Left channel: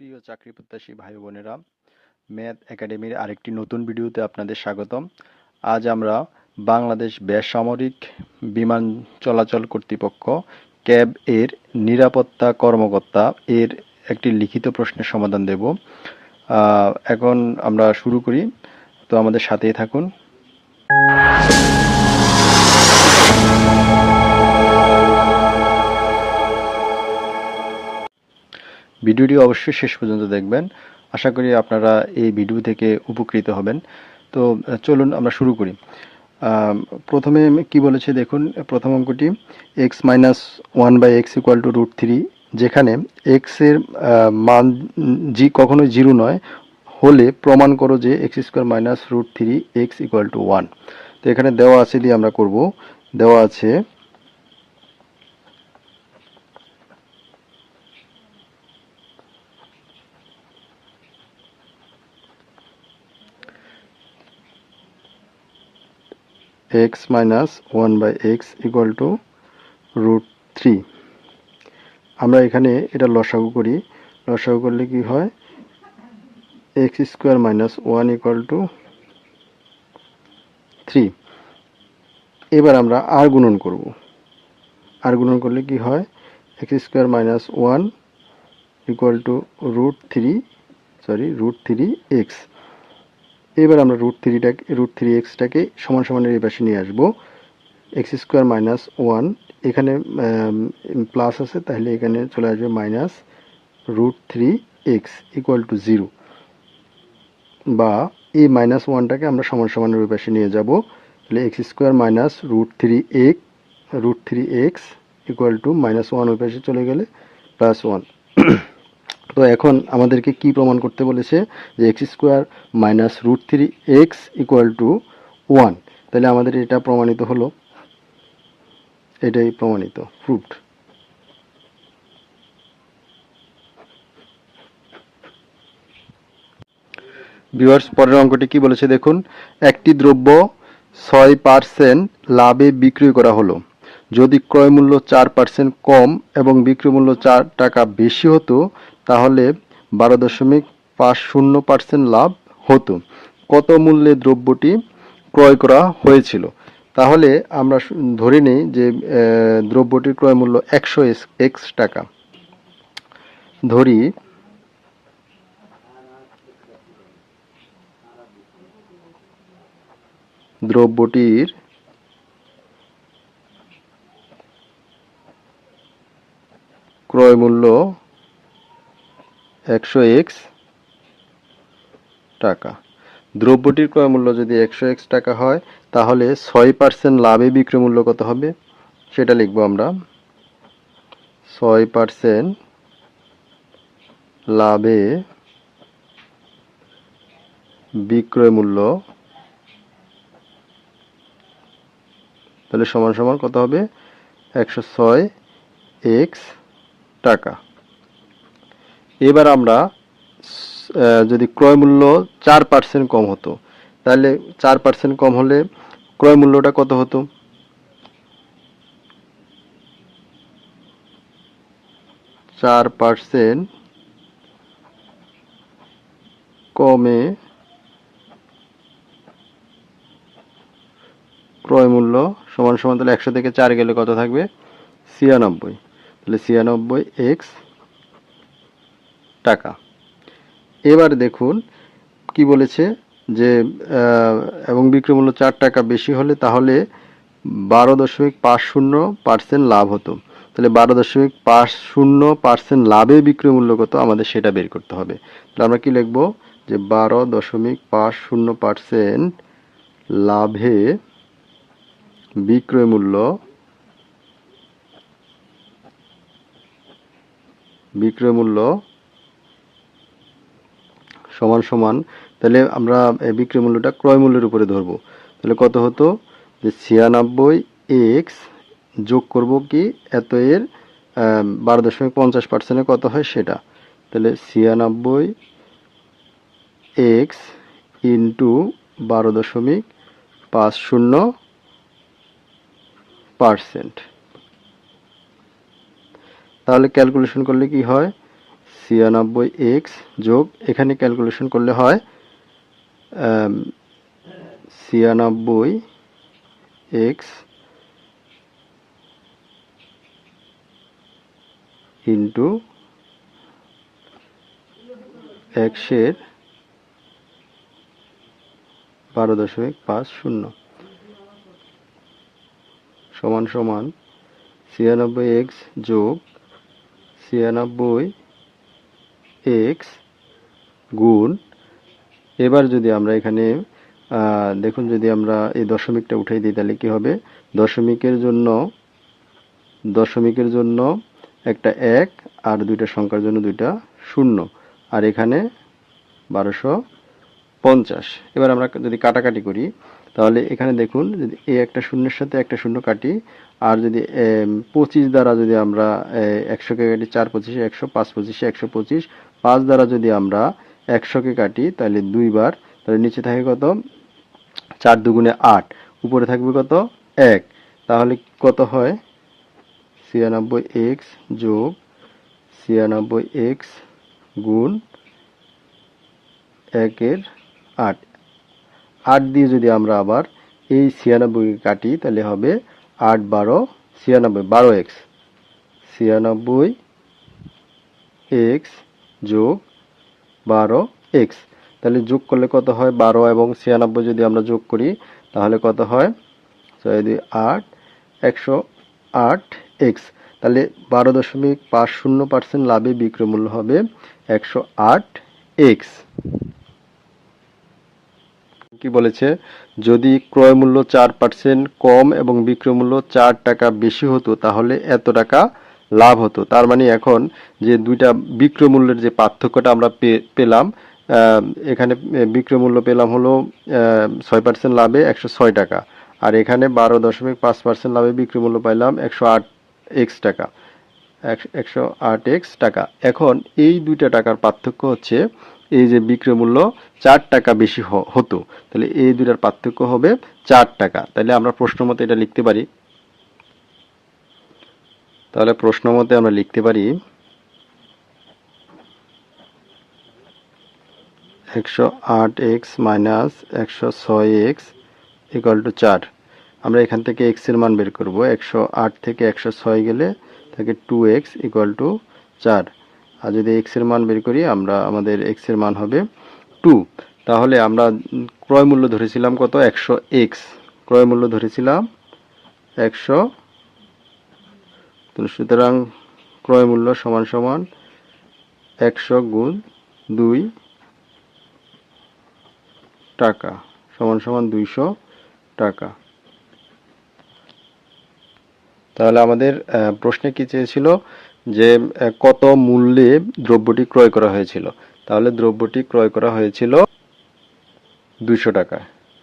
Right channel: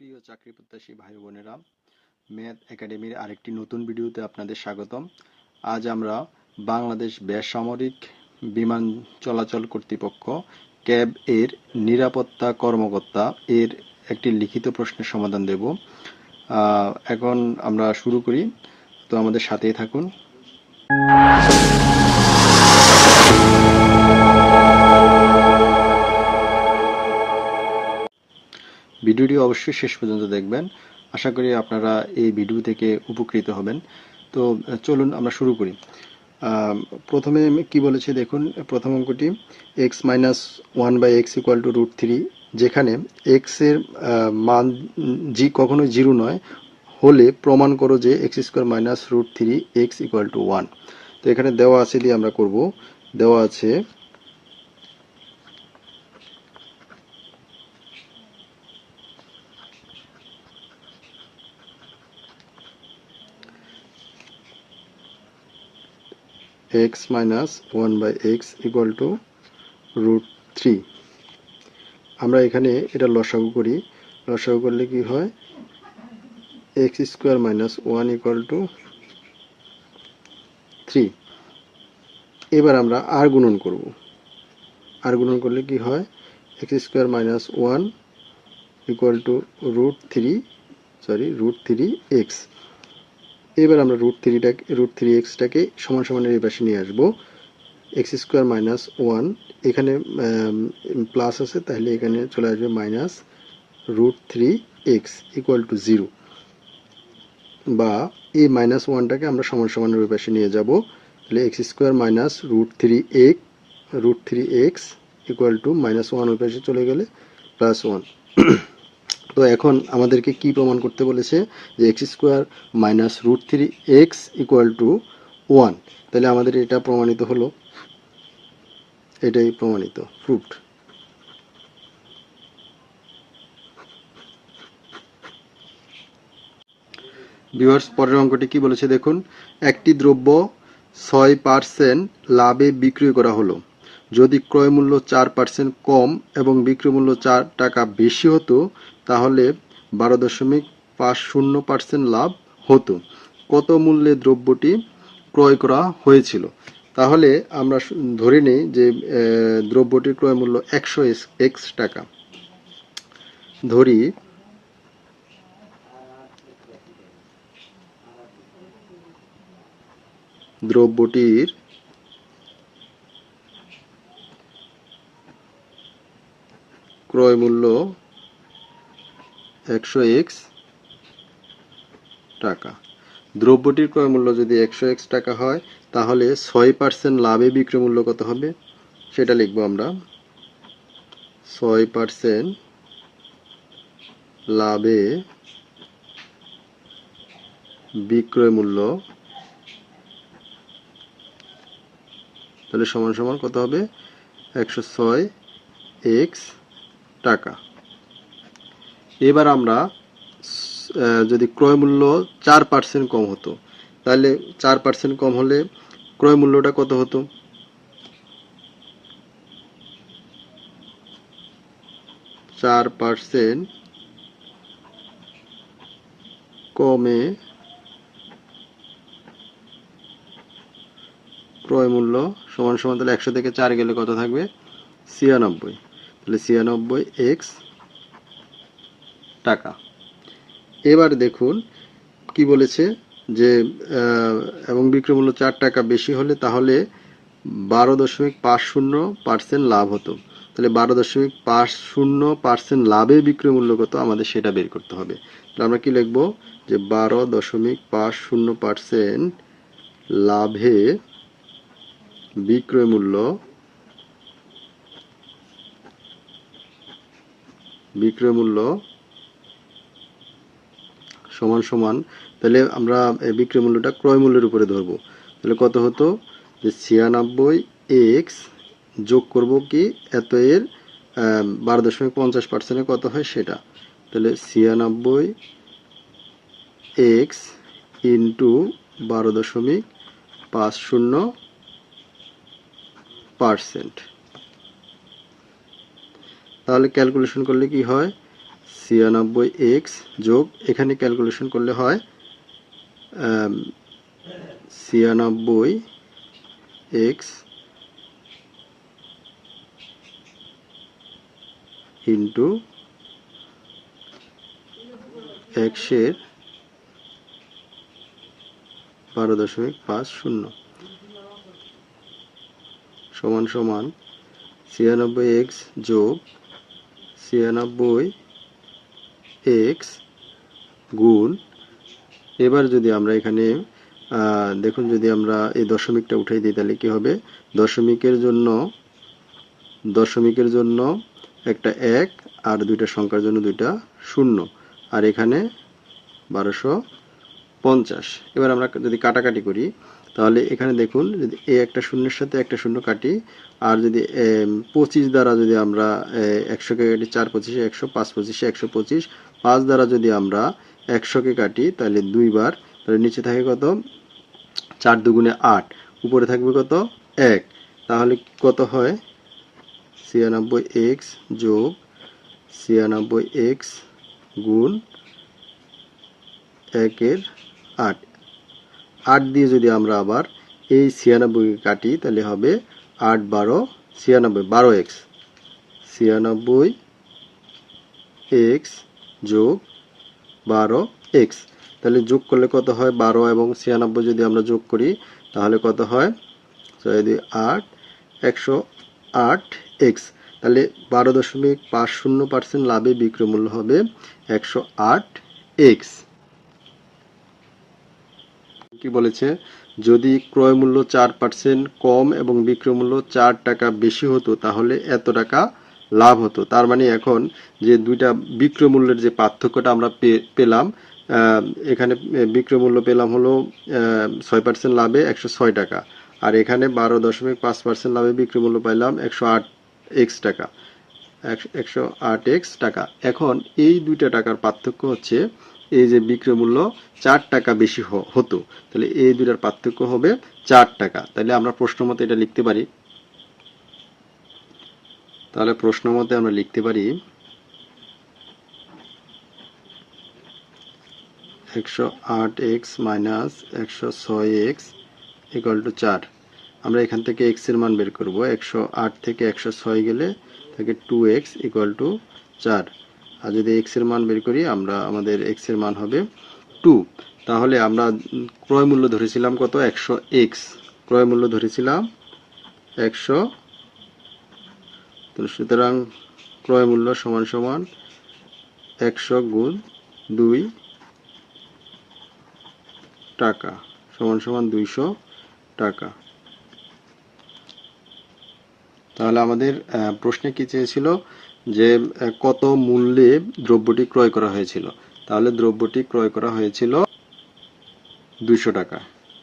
প্রিয় চাকরি প্রত্যাশী ভাই বোনেরা, ম্যাথ একাডেমির আরেকটি নতুন ভিডিওতে আপনাদের স্বাগতম। আজ আমরা বাংলাদেশ বেসামরিক বিমান চলাচল কর্তৃপক্ষ ক্যাব এর নিরাপত্তা কর্মকর্তা এর একটি লিখিত প্রশ্নের সমাধান দেব। এখন আমরা শুরু করি, তো আমাদের সাথেই থাকুন। ভিডিওটি অবশ্যই শেষ পর্যন্ত দেখবেন। আশা করি আপনারা এই ভিডিও থেকে উপকৃত হবেন। তো, চলুন আমরা শুরু করি। প্রথমে কি বলেছে দেখুন, প্রথম অঙ্কটি x minus one by x equal to root three যেখানে এক্সের মান জি কখনো জিরো নয়, হলে প্রমাণ করো যে x square minus root three x equal to one তো এখানে দেওয়া আছে দিয়ে আমরা করব। দেওয়া আছে x minus one by x equal to root three আমরা এখানে এটা লসাগু করি। লসাগু করলে কি হয়? X square minus one equal to three এবার আমরা আর গুণন করব। আর গুণন করলে কি হয়? X square minus one equal to root three sorry root three x এবার আমরা রুট থ্রিটাকে রুট থ্রি এক্সটাকে সমান সমানের এই পাশে নিয়ে আসব। এক্স স্কোয়ার মাইনাস ওয়ান এখানে প্লাস আছে, তাহলে এখানে চলে আসবে minus root three x equal to zero বা এই মাইনাস ওয়ানটাকে আমরা সমান সমানের ওই পাশে নিয়ে যাব। তাহলে x square minus root three এক root three x equal to minus one ওই পাশে চলে গেলে প্লাস ওয়ান তো এখন আমাদেরকে কি প্রমাণ করতে বলেছে যে x square minus root three x equal to one? তাহলে আমাদের এটা প্রমাণিত হলো। এটাই প্রমাণিত, প্রুফড। ভিউয়ার্স, পরের অঙ্কটি কি বলেছে দেখুন? একটি দ্রব্য ছয় পার্সেন্ট লাভে বিক্রি করা হলো। যদি ক্রয় মূল্য চার পার্সেন্ট কম এবং বিক্রয় মূল্য চার টাকা বেশি হতো, তাহলে বারো দশমিক পাঁচ শূন্য পার্সেন্ট লাভ হতো। কত মূল্যে দ্রব্যটি ক্রয় করা হয়েছিল? তাহলে আমরা ধরে নিই যে দ্রব্যটির ক্রয় মূল্য একশো এক্স টাকা। ধরি, দ্রব্যটির ক্রয় মূল্য একশো এক্স টাকা। দ্রব্যটির ক্রয় মূল্য যদি একশো এক্স টাকা হয়, তাহলে ছয় পার্সেন্ট লাভে বিক্রয় মূল্য কত হবে? সেটা লিখব আমরা। ছয় পার্সেন্ট লাভে বিক্রয় মূল্য তাহলে সমান সমান কত হবে? একশো ছয় এক্স টাকা। এবার আমরা যদি ক্রয় মূল্য চার পার্সেন্ট কম হতো, তাহলে চার পার্সেন্ট কম হলে ক্রয় মূল্যটা কত হতো? চার পার্সেন্ট কমে ক্রয় মূল্য সমান সমান তাহলে একশো থেকে চার গেলে কত থাকবে? ছিয়ানব্বই। তাহলে ছিয়ানব্বই এক্স টাকা। এবার দেখুন কি বলেছে যে এবং বিক্রয় মূল্য চার টাকা বেশি হলে তাহলে বারো দশমিক পাঁচ শূন্য পার্সেন্ট লাভ হতো। তাহলে বারো দশমিক পাঁচ শূন্য পার্সেন্ট লাভে বিক্রয় মূল্য কত? আমাদের সেটা বের করতে হবে। তাহলে আমরা কি লিখব? যে বারো দশমিক পাঁচ শূন্য পার্সেন্ট লাভে বিক্রয় বিক্রয় মূল্য সমান সমান, তাহলে আমরা বিক্রয় মূল্যটা ক্রয় মূল্যের উপরে ধরবো। তাহলে কত হতো? যে ছিয়ানব্বই এক্স যোগ করব কি? এত এর বারো দশমিক পঞ্চাশ পার্সেন্টে কত হয়? সেটা। তাহলে ছিয়ানব্বই এক্স ইন্টু বারো দশমিক পাঁচ শূন্য পার্সেন্ট। তাহলে ক্যালকুলেশন করলে কি হয়? ছিয়ানব্বই এক্স যোগ এখানে ক্যালকুলেশন করলে হয় ছিয়ানব্বই এক্স ইন্টু একশের বারো দশমিক পাঁচ শূন্য সমান সমান ছিয়ানব্বই এক্স যোগ ছিয়ানব্বই এক্স গুণ, এবার যদি আমরা এখানে দেখুন যদি আমরা এই দশমিকটা উঠাই দিই, তাহলে কি হবে? দশমিকের জন্য দশমিকের জন্য একটা এক আর দুইটা সংখ্যার জন্য দুইটা শূন্য। আর এখানে বারোশো পঞ্চাশ। এবার আমরা যদি কাটাকাটি করি, তাহলে এখানে দেখুন, যদি এই একটা শূন্যের সাথে একটা শূন্য কাটি আর যদি পঁচিশ দ্বারা যদি আমরা একশোকে কাটি চার পঁচিশে, একশো পাঁচ পঁচিশে, একশো পঁচিশ, পাঁচ দ্বারা যদি আমরা একশোকে কাটি, তাহলে দুইবার তাহলে নিচে থাকে কত? চার দুগুণে আট, উপরে থাকবে কত? এক, তাহলে কত হয়? ছিয়ানব্বই এক্স যোগ ছিয়ানব্বই এক্স গুণ একের আট। আট দিয়ে যদি আমরা আবার এই ছিয়ানব্বইকে কাটি, তাহলে হবে আট বারো, ছিয়ানব্বই, বারো এক্স। ছিয়ানব্বই এক্স যোগ বারো এক্স। তাহলে যোগ করলে কত হয়? বারো এবং ছিয়ানব্বই যদি আমরা যোগ করি, তাহলে কত হয়? ছয় দুই আট, একশো আট এক্স। তাহলে বারো দশমিক পাঁচ শূন্য পার্সেন্ট লাভে বিক্রয় মূল্য হবে একশো আট এক্স। কি বলেছে? যদি ক্রয় মূল্য চার পার্সেন্ট কম এবং বিক্রয় মূল্য চার টাকা বেশি হতো, তাহলে এত টাকা লাভ হতো। তার মানে এখন যে দুইটা বিক্রয় মূল্যের যে পার্থক্যটা আমরা পেলাম এখানে বিক্রয় মূল্য পেলাম হলো ছয় পার্সেন্ট লাভে একশো ছয় টাকা। আর এখানে বারো দশমিক পাঁচ পার্সেন্ট লাভে বিক্রয় মূল্য পাইলাম একশো আট এক্স টাকা। এক- একশো আট এক্স টাকা। এখন এই দুইটা টাকার পার্থক্য হচ্ছে এই যে বিক্রয় মূল্য চার টাকা বেশি হতো, তাহলে এই দুটার পার্থক্য হবে চার টাকা। তাহলে আমরা প্রশ্ন মতে এটা লিখতে পারি। তাহলে প্রশ্ন মতে আমরা লিখতে পারি একশো আট এক্স মাইনাস একশো ছয় এক্স ইকুয়াল টু চার। আমরা এখান থেকে এক্সের মান বের করব। একশো আট থেকে একশো ছয় গেলে থাকে টু এক্স ইকুয়াল টু চার। আর যদি এক্সের মান বের করি, আমরা আমাদের এক্সের মান হবে টু তাহলে আমরা ক্রয় মূল্য ধরেছিলাম কত? একশো এক্স ক্রয় মূল্য ধরেছিলাম একশো। সুতরাং ক্রয় মূল্য সমান সমান একশো গুণ দুই টাকা। সমান সমান দুইশো টাকা। তাহলে আমাদের প্রশ্নে কি চেয়েছিল? যে কত মূল্যে দ্রব্যটি ক্রয় করা হয়েছিল? তাহলে দ্রব্যটি ক্রয় করা হয়েছিল দুইশো টাকা।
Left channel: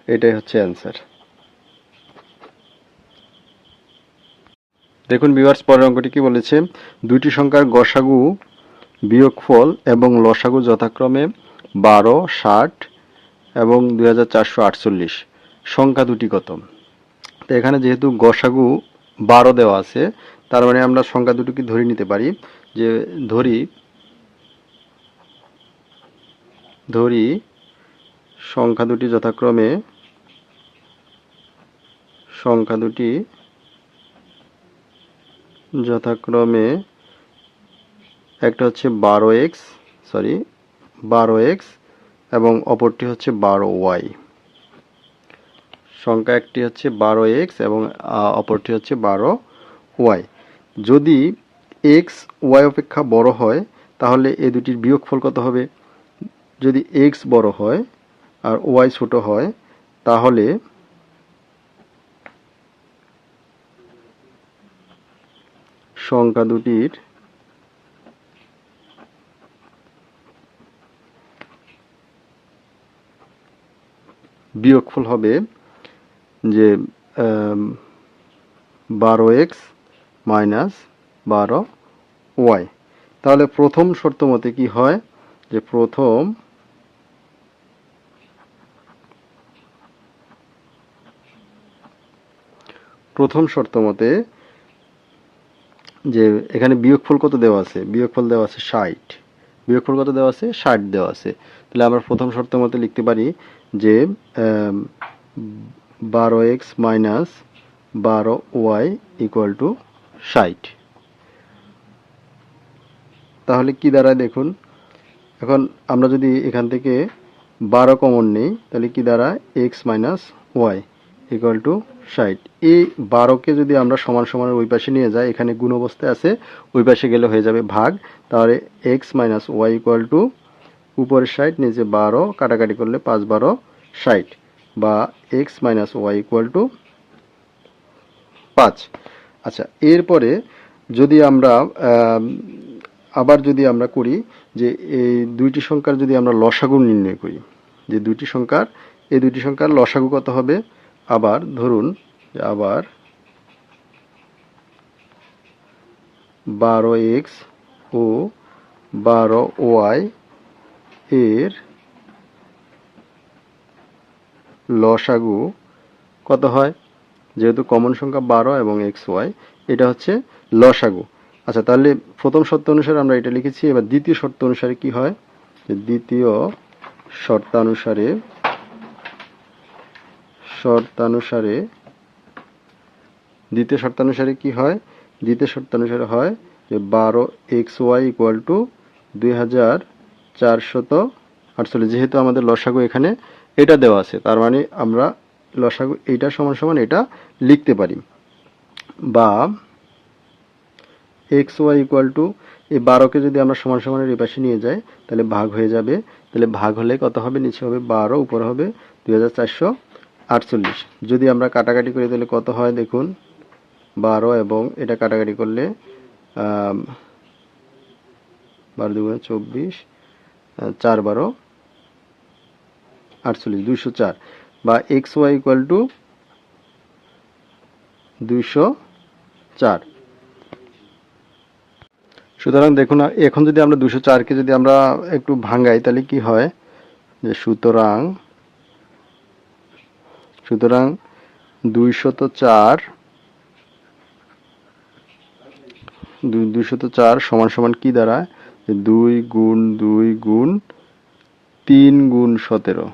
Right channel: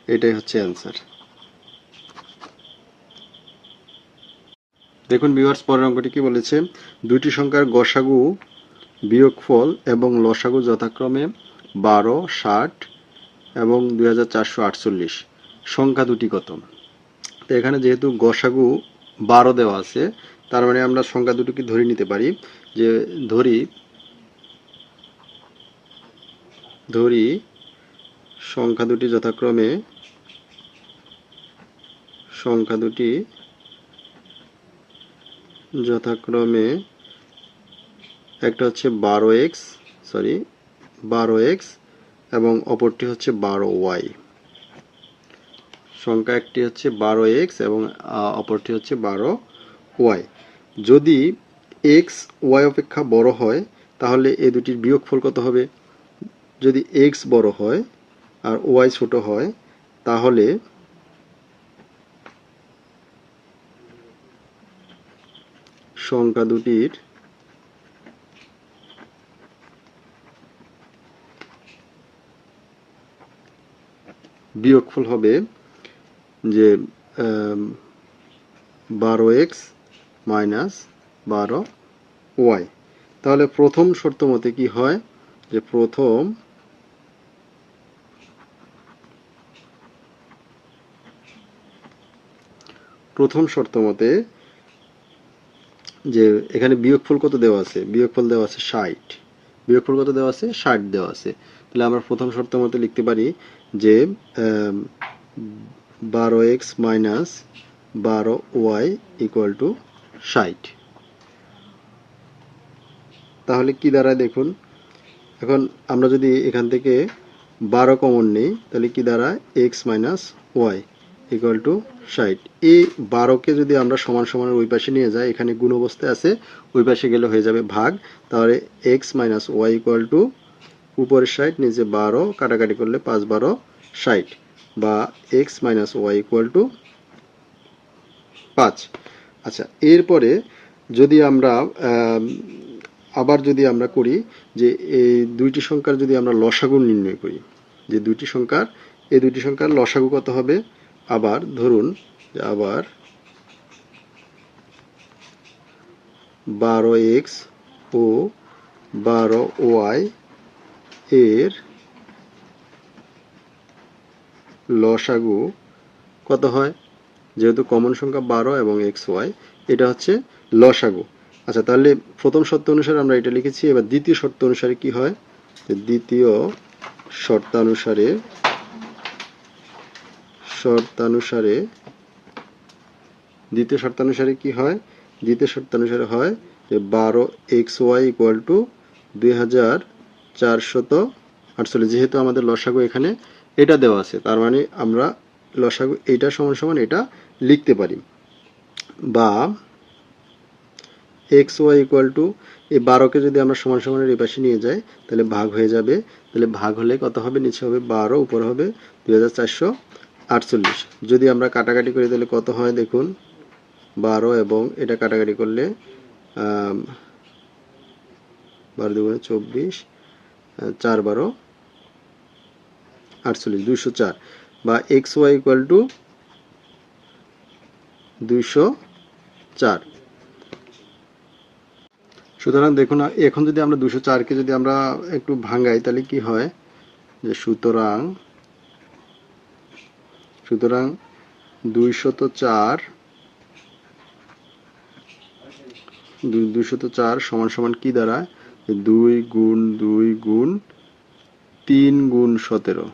এটাই হচ্ছে অ্যান্সার। দেখুন বিভার্স পরের অঙ্কটি কি বলেছে? দুইটি সংখ্যার গসাগু বিয়োগফল এবং লসাগু যথাক্রমে বারো, ষাট এবং দুই হাজার চারশো আটচল্লিশ। সংখ্যা দুটি কত? তো এখানে যেহেতু গসাগু বারো দেওয়া আছে তার মানে আমরা সংখ্যা দুটোকে ধরে নিতে পারি, যে ধরি ধরি সংখ্যা দুটি যথাক্রমে সংখ্যা দুটি যথাক্রমে একটা হচ্ছে বারো এক্স সরি বারো এক্স এবং অপরটি হচ্ছে বারো ওয়াই। সংখ্যা একটি হচ্ছে বারো এক্স এবং অপরটি হচ্ছে বারো ওয়াই। যদি এক্স ওয়াই অপেক্ষা বড় হয়, তাহলে এ দুটির বিয়োগফল কত হবে? যদি এক্স বড় হয় আর ওয়াই ছোট হয়, তাহলে সংখ্যা দুটির বিয়োগফল হবে যে বারো এক্স মাইনাস বারো ওয়াই। তাহলে প্রথম শর্ত মতে কি হয়? যে প্রথম প্রথম শর্ত মতে যে এখানে বিয়োগফল কত দেওয়া আছে? বিয়োগফল দেওয়া আছে ষাট। বিয়োগফল কত দেওয়া আছে? ষাট দেওয়া আছে। তাহলে আমরা প্রথম শর্ত মতো লিখতে পারি যে বারো এক্স মাইনাস বারো ওয়াই ইকুয়াল টু ষাট। তাহলে কি দাঁড়ায় দেখুন? এখন আমরা যদি এখান থেকে বারো কমন নিই, তাহলে কি দাঁড়ায়? X minus y equal to ষাট। এই বারোকে যদি আমরা সমান সমানের ওই পাশে নিয়ে যাই, এখানে গুণ অবস্থায় আছে, ওই পাশে গেলে হয়ে যাবে ভাগ। তাহলে x minus y equal to উপরের ষাট, নিচে বারো, কাটাকাটি করলে পাঁচ বারো, ষাট। বা x minus y equal to পাঁচ। আচ্ছা এরপরে যদি আমরা আবার যদি আমরা করি যে এই দুইটি সংখ্যার যদি আমরা লসাগু নির্ণয় করি, যে দুইটি সংখ্যার, এই দুইটি সংখ্যার লসাগু কত হবে? আবার ধরুন আবার বারো এক্স ও বারো ওয়াই এর লসাগু কত হয়? যেহেতু কমন সংখ্যা বারো এবং এক্স ওয়াই, এটা হচ্ছে লসাগু। আচ্ছা তাহলে প্রথম শর্ত অনুসারে আমরা এটা লিখেছি। এবার দ্বিতীয় শর্ত অনুসারে কি হয়? দ্বিতীয় শর্তানুসারে শর্তানুসারে, দ্বিতীয় শর্তানুসারে কি হয়? দ্বিতীয় শর্তানুসারে হয় যে বারো এক্স ওয়াই ইকুয়াল টু দুই হাজার চারশত আটচল্লিশ। যেহেতু আমাদের লসাগু এখানে এটা দেওয়া আছে, তার মানে আমরা লসাগু এইটা সমান সমান এটা লিখতে পারি। বা এক্স ওয়াই ইকুয়াল টু, এই বারোকে যদি আমরা সমান সমানের এই পাশে নিয়ে যাই, তাহলে ভাগ হয়ে যাবে। তাহলে ভাগ হলে কত হবে? নিচে হবে বারো, উপরে হবে দুই হাজার চারশো আটচল্লিশ। যদি আমরা কাটাকাটি করি, তাহলে কত হয় দেখুন? বারো এবং এটা কাটাকাটি করলে বারো দুগুণে চব্বিশ চার বারো, আটচল্লিশ, দুইশো চার। বা এক্স ওয়াই ইকুয়াল টু দুইশো চার। সুতরাং দেখুন, এখন যদি আমরা দুশো চারকে যদি আমরা একটু ভাঙাই, তাহলে কি হয়? যে সুতরাং সুতরাং দুইশত চার দুইশত চার সমান সমান কি দাঁড়ায় দুই গুণ দুই গুণ তিন গুণ সতেরো।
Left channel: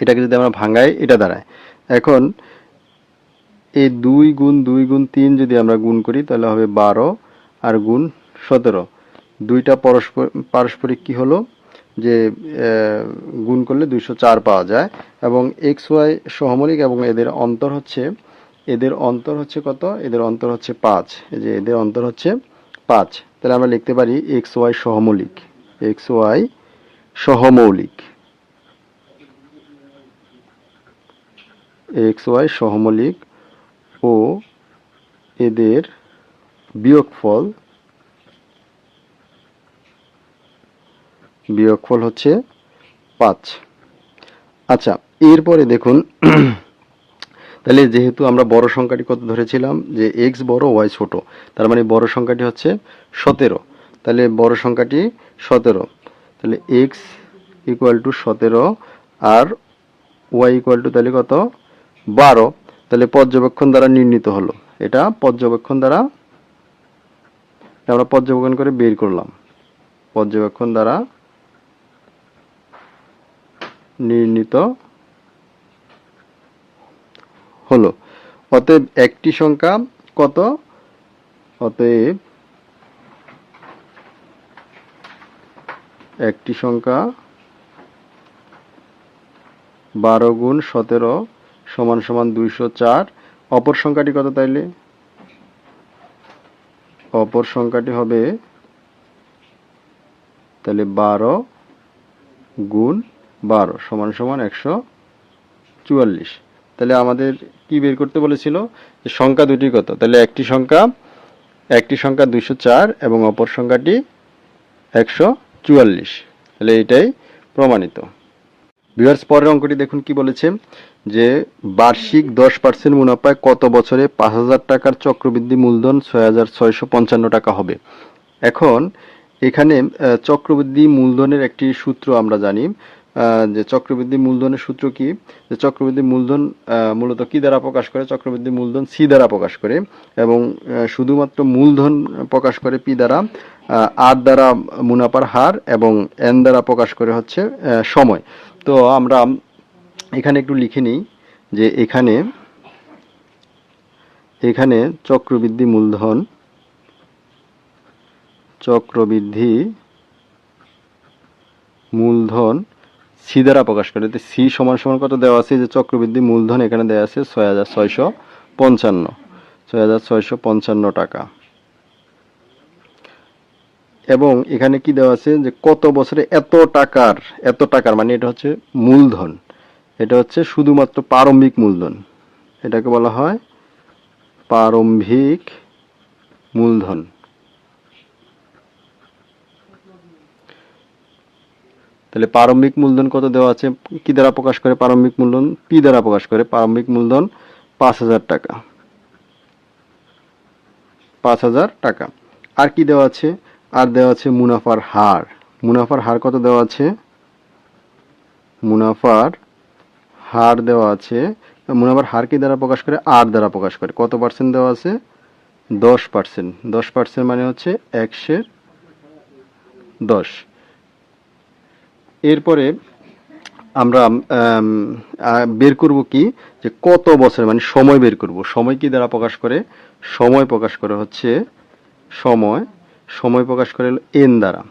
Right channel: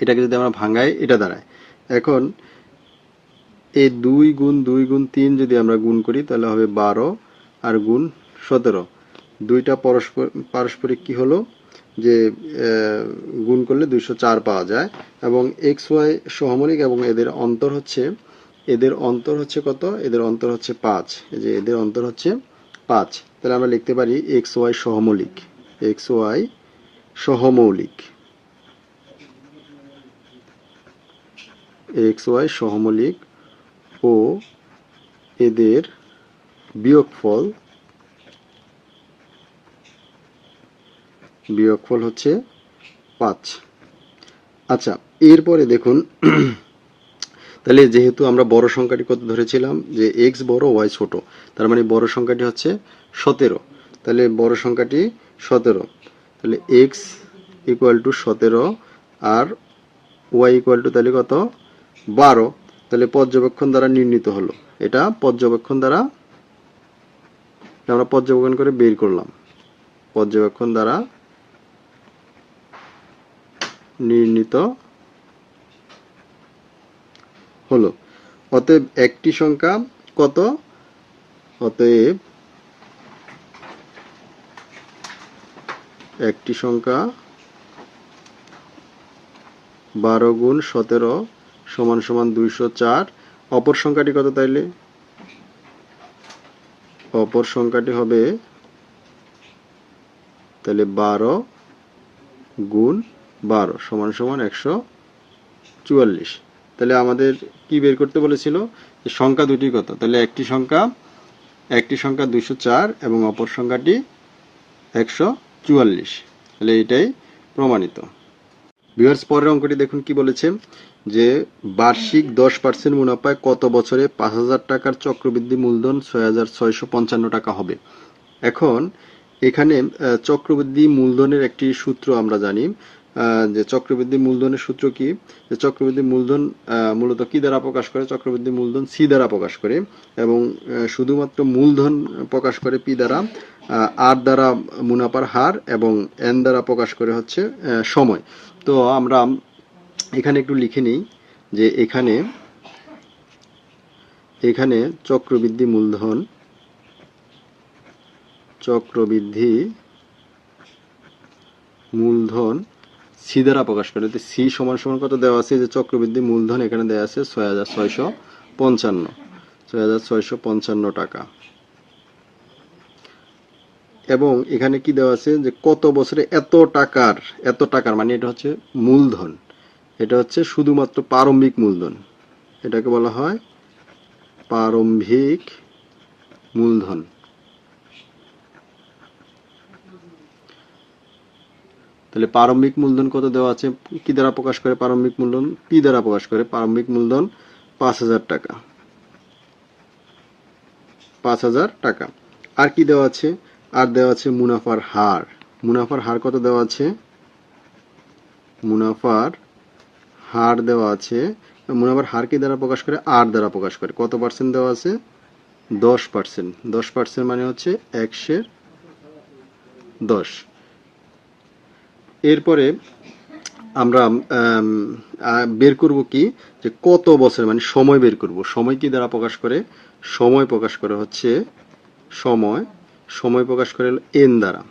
এটাকে যদি আমরা ভাঙাই, এটা দাঁড়ায়। এখন এই দুই গুণ দুই গুণ তিন যদি আমরা গুণ করি, তাহলে হবে বারো আর গুণ সতেরো। দুইটা পরস্পর পারস্পরিক কি হলো? যে গুণ করলে দুইশো চার পাওয়া যায় এবং এক্স ওয়াই সহমলিক এবং এদের অন্তর হচ্ছে, এদের অন্তর হচ্ছে কত? এদের অন্তর হচ্ছে পাঁচ। এই যে এদের অন্তর হচ্ছে পাঁচ। তাহলে আমরা লিখতে পারি এক্স ওয়াই সহমৌলিক। এক্স ওয়াই সহমৌলিক। এক্স ওয়াই সহমৌলিক ও এদের বিয়োগফল বিয়োগফল হচ্ছে পাঁচ। আচ্ছা এরপরে দেখুন, তাহলে যেহেতু আমরা বড় সংখ্যাটি কত ধরেছিলাম? যে এক্স বড়, ওয়াই ছোট। তার মানে বড় সংখ্যাটি হচ্ছে সতেরো। তাহলে বড় সংখ্যাটি সতেরো। তাহলে এক্স ইকুয়াল টু সতেরো আর ওয়াই ইকুয়াল টু তাহলে কত? বারো, তাহলে পর্যবেক্ষণ দ্বারা নির্ণীত হলো। এটা পর্যবেক্ষণ দ্বারা আমরা পর্যবেক্ষণ করে বের করলাম। পর্যবেক্ষণ দ্বারা নির্ণীত হলো। অতএব একটি সংখ্যা কত? অতএব একটি সংখ্যা বারো গুণ সতেরো সমান সমান দুইশো চার। অপর সংখ্যাটি কত তাইলে? অপর সংখ্যাটি হবে তাহলে বারো গুণ বারো সমান সমান একশো চুয়াল্লিশ। তাহলে আমাদের কি বের করতে বলেছিল? সংখ্যা দুটি কত? তাহলে একটি সংখ্যা একটি সংখ্যা দুইশো চার এবং অপর সংখ্যাটি একশো চুয়াল্লিশ। তাহলে এটাই প্রমাণিত। ভিউয়ার্স পরের অঙ্কটি দেখুন কি বলেছে। যে বার্ষিক দশ পার্সেন্ট মুনাফায় কত বছরে পাঁচ হাজার টাকার চক্রবৃদ্ধি মূলধন ছয় হাজার ছয়শো পঞ্চান্ন টাকা হবে? এখন এখানে চক্রবৃদ্ধি মূলধনের একটি সূত্র আমরা জানি। যে চক্রবৃদ্ধি মূলধনের সূত্র কি? যে চক্রবৃদ্ধি মূলধন মূলত কি দ্বারা প্রকাশ করে? চক্রবৃদ্ধি মূলধন সি দ্বারা প্রকাশ করে এবং শুধুমাত্র মূলধন প্রকাশ করে পি দ্বারা আর দ্বারা মুনাফার হার এবং এন দ্বারা প্রকাশ করে হচ্ছে সময়। তো আমরা এখানে একটু লিখে নিই যে এখানে এখানে চক্রবৃদ্ধি মূলধন চক্রবৃদ্ধি মূলধন সি দ্বারা প্রকাশ করে। তো সি সমান সমান কত দেওয়া আছে? যে চক্রবৃদ্ধি মূলধন এখানে দেওয়া আছে ছয় হাজার ছয়শো পঞ্চান্ন। ছয় হাজার ছয়শো পঞ্চান্ন টাকা। এবং এখানে কি দেওয়া আছে? যে কত বছরে এত টাকার এত টাকার মানে এটা হচ্ছে মূলধন। এটা হচ্ছে শুধুমাত্র প্রারম্ভিক মূলধন। এটাকে বলা হয় প্রারম্ভিক মূলধন। তাহলে প্রারম্ভিক মূলধন কত দেওয়া আছে? কি দ্বারা প্রকাশ করে প্রারম্ভিক মূলধন? পি দ্বারা প্রকাশ করে প্রারম্ভিক মূলধন পাঁচ হাজার টাকা। পাঁচ হাজার টাকা। আর কি দেওয়া আছে? আর দেওয়া আছে মুনাফার হার। মুনাফার হার কত দেওয়া আছে? মুনাফার হার দেওয়া আছে। মুনাফার হার কি দ্বারা প্রকাশ করে? আর দ্বারা প্রকাশ করে। কত পার্সেন্ট দেওয়া আছে? দশ পার্সেন্ট দশ পার্সেন্ট মানে হচ্ছে একশের দশ। এরপরে আমরা বের করব কি? যে কত বছর মানে সময় বের করব। সময় কি দ্বারা প্রকাশ করে? সময় প্রকাশ করে হচ্ছে সময়। সময় প্রকাশ করে এন দ্বারা।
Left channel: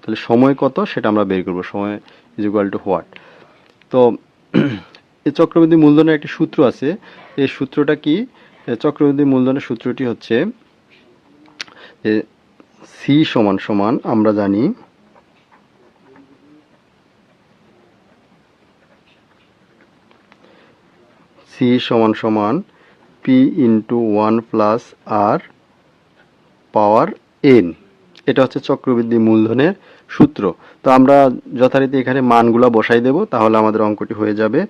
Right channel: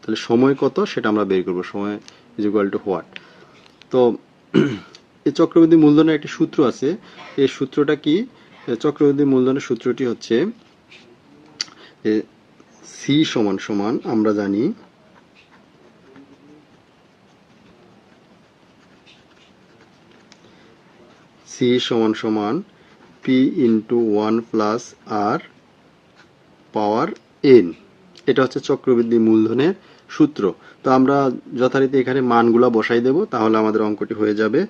তাহলে সময় কত? সেটা আমরা বের করব। সময় ইজ ইকুয়াল টু হোয়াট তো চক্রবৃদ্ধি মূলধনের একটি সূত্র আছে। এই সূত্রটা কি? চক্রবৃদ্ধি মূলধনের সূত্রটি হচ্ছে সি সমান সমান, আমরা জানি সি সমান সমান P into one plus R power N এটা হচ্ছে চক্রবৃদ্ধি মূলধনের সূত্র। তো আমরা যথারীতি এখানে মানগুলা বসাই দেব, তাহলে আমাদের অঙ্কটি হয়ে যাবে।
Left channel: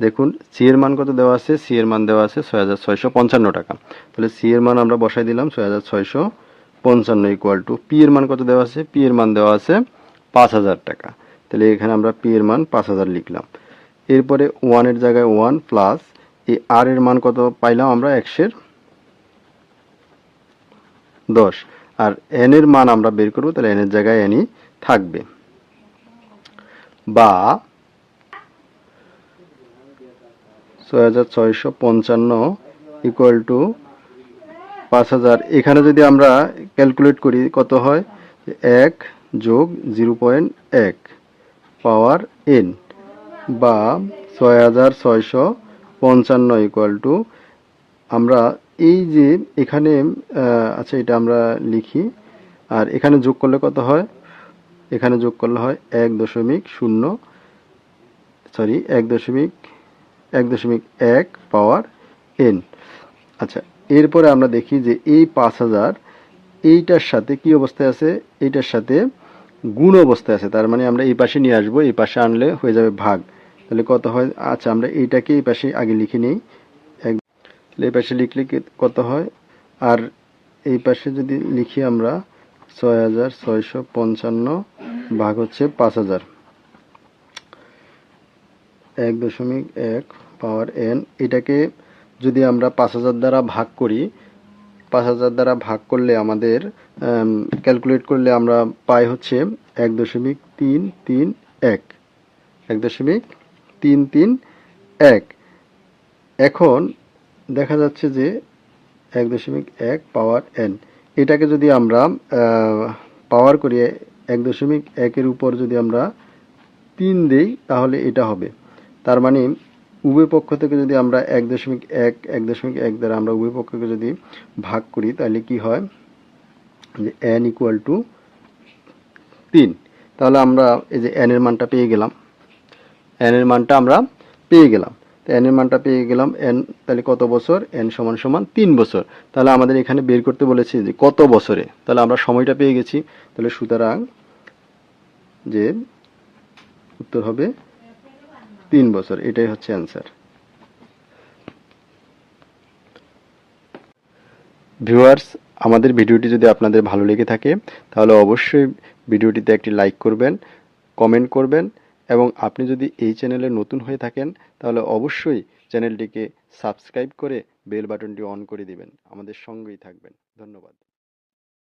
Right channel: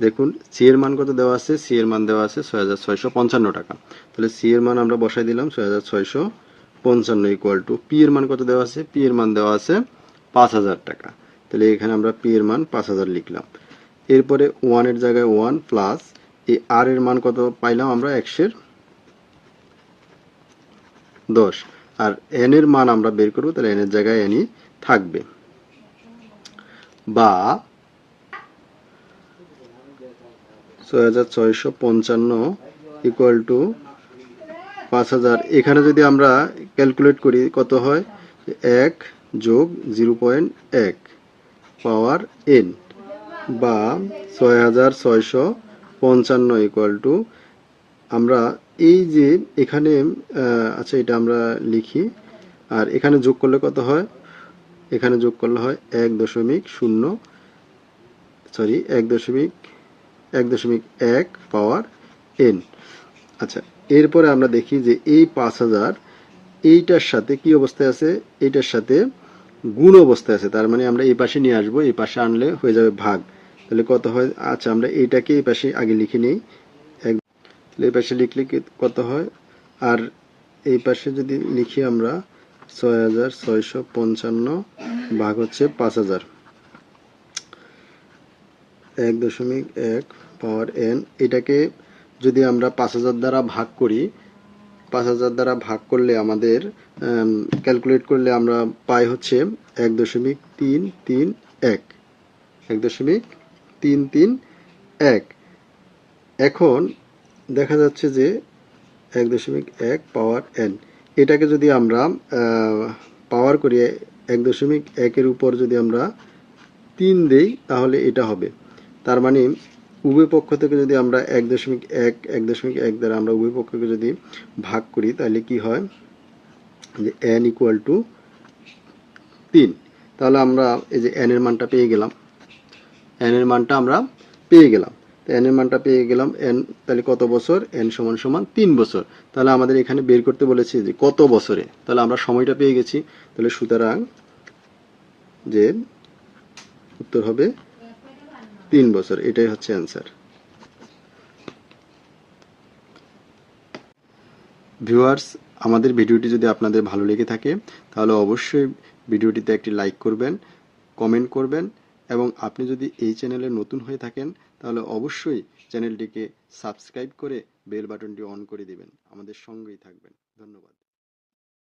দেখুন সি এর মান কত দেওয়া আছে? সি এর মান দেওয়া আছে ছয় হাজার ছয়শো পঞ্চান্ন টাকা। তাহলে সি এর মান আমরা বসাই দিলাম ছয় হাজার ছয়শো পঞ্চান্ন ইকুয়াল টু পি এর মান কত দেওয়া আছে? পি এর মান দেওয়া আছে পাঁচ হাজার টাকা। তাহলে এখানে আমরা পি এর মান পাঁচ হাজার লিখলাম। এরপরে ওয়ানের জায়গায় ওয়ান প্লাস এই আর এর মান কত পাইলাম আমরা? একশের দশ। আর এন এর মান আমরা বের করব, তাহলে এন এর জায়গায় এনই থাকবে। বা ছয় হাজার ছয়শো পঞ্চান্ন ইকুয়াল টু পাঁচ হাজার। এখানে যদি আমরা ক্যালকুলেট করি, কত হয়? এক যোগ জিরো পয়েন্ট এক পাওয়ার এন বা ছয় হাজার ছয়শো পঞ্চান্ন ইকুয়াল টু আমরা এই যে এখানে আচ্ছা এটা আমরা লিখি। আর এখানে যোগ করলে কত হয়? এখানে যোগ করলে হয় এক দশমিক শূন্য সরি এক দশমিক এক দশমিক এক পাওয়ার এন আচ্ছা এরপরে আমরা দেখি যে এই পাঁচ হাজার এইটার সাথে কি অবস্থায় আছে? এইটার সাথে গুণ অবস্থায় আছে, তার মানে আমরা এই পাশে নিয়ে আসব, এই পাশে আনলে হয়ে যাবে ভাগ। তাহলে কত হয়? আচ্ছা আমরা এইটাকে এই পাশে আগে লিখে নিই। এক এই পাশে লিখলে কত হয়? আর এই পাশে যদি লিখি আমরা ছয় হাজার ছয়শো পঞ্চান্ন ভাগ হচ্ছে পাঁচ হাজার। এক দশমিক এক পাওয়ার এন। এটাকে যদি আমরা পাঁচ হাজার দ্বারা ভাগ করি, পাঁচ হাজার দ্বারা ভাগ করলে আমাদের ক্যালকুলেট করলে আমরা পাই হচ্ছে এক দশমিক তিন তিন এক। এক দশমিক তিন তিন এক। এখন দেখা যাচ্ছে যে এক দশমিক এক পাওয়ার এন। এটাকে যদি আমরা পাওয়ার করি এক দশমিক একের উপর যদি আমরা তিন দেই, তাহলে এটা হবে। তার মানে উভয় পক্ষ থেকে যদি আমরা এক দশমিক এক এক দশমিক এক দ্বারা আমরা উভয় পক্ষকে যদি ভাগ করি, তাহলে কি হয়? যে এন ইকুয়াল টু তিন। তাহলে আমরা এই যে এন এর মানটা পেয়ে গেলাম। এন এর মানটা আমরা পেয়ে গেলাম। তো এর মানটা পেয়ে গেলাম, এন তাহলে কত বছর? এন সমান সমান তিন বছর। তাহলে আমাদের এখানে বের করতে বলেছে যে কত বছরে? তাহলে আমরা সময়টা পেয়ে গেছি। তাহলে সুতরাং যে উত্তর হবে তিন বছর। এটাই হচ্ছে অ্যান্সার ভিউয়ার্স আমাদের ভিডিওটি যদি আপনাদের ভালো লেগে থাকে, তাহলে অবশ্যই ভিডিওটিতে একটি লাইক করবেন কমেন্ট করবেন, এবং আপনি যদি এই চ্যানেলে নতুন হয়ে থাকেন তাহলে অবশ্যই চ্যানেলটিকে সাবস্ক্রাইব করে বেল বাটনটি অন করে দিবেন। আমাদের সঙ্গেই থাকবেন। ধন্যবাদ।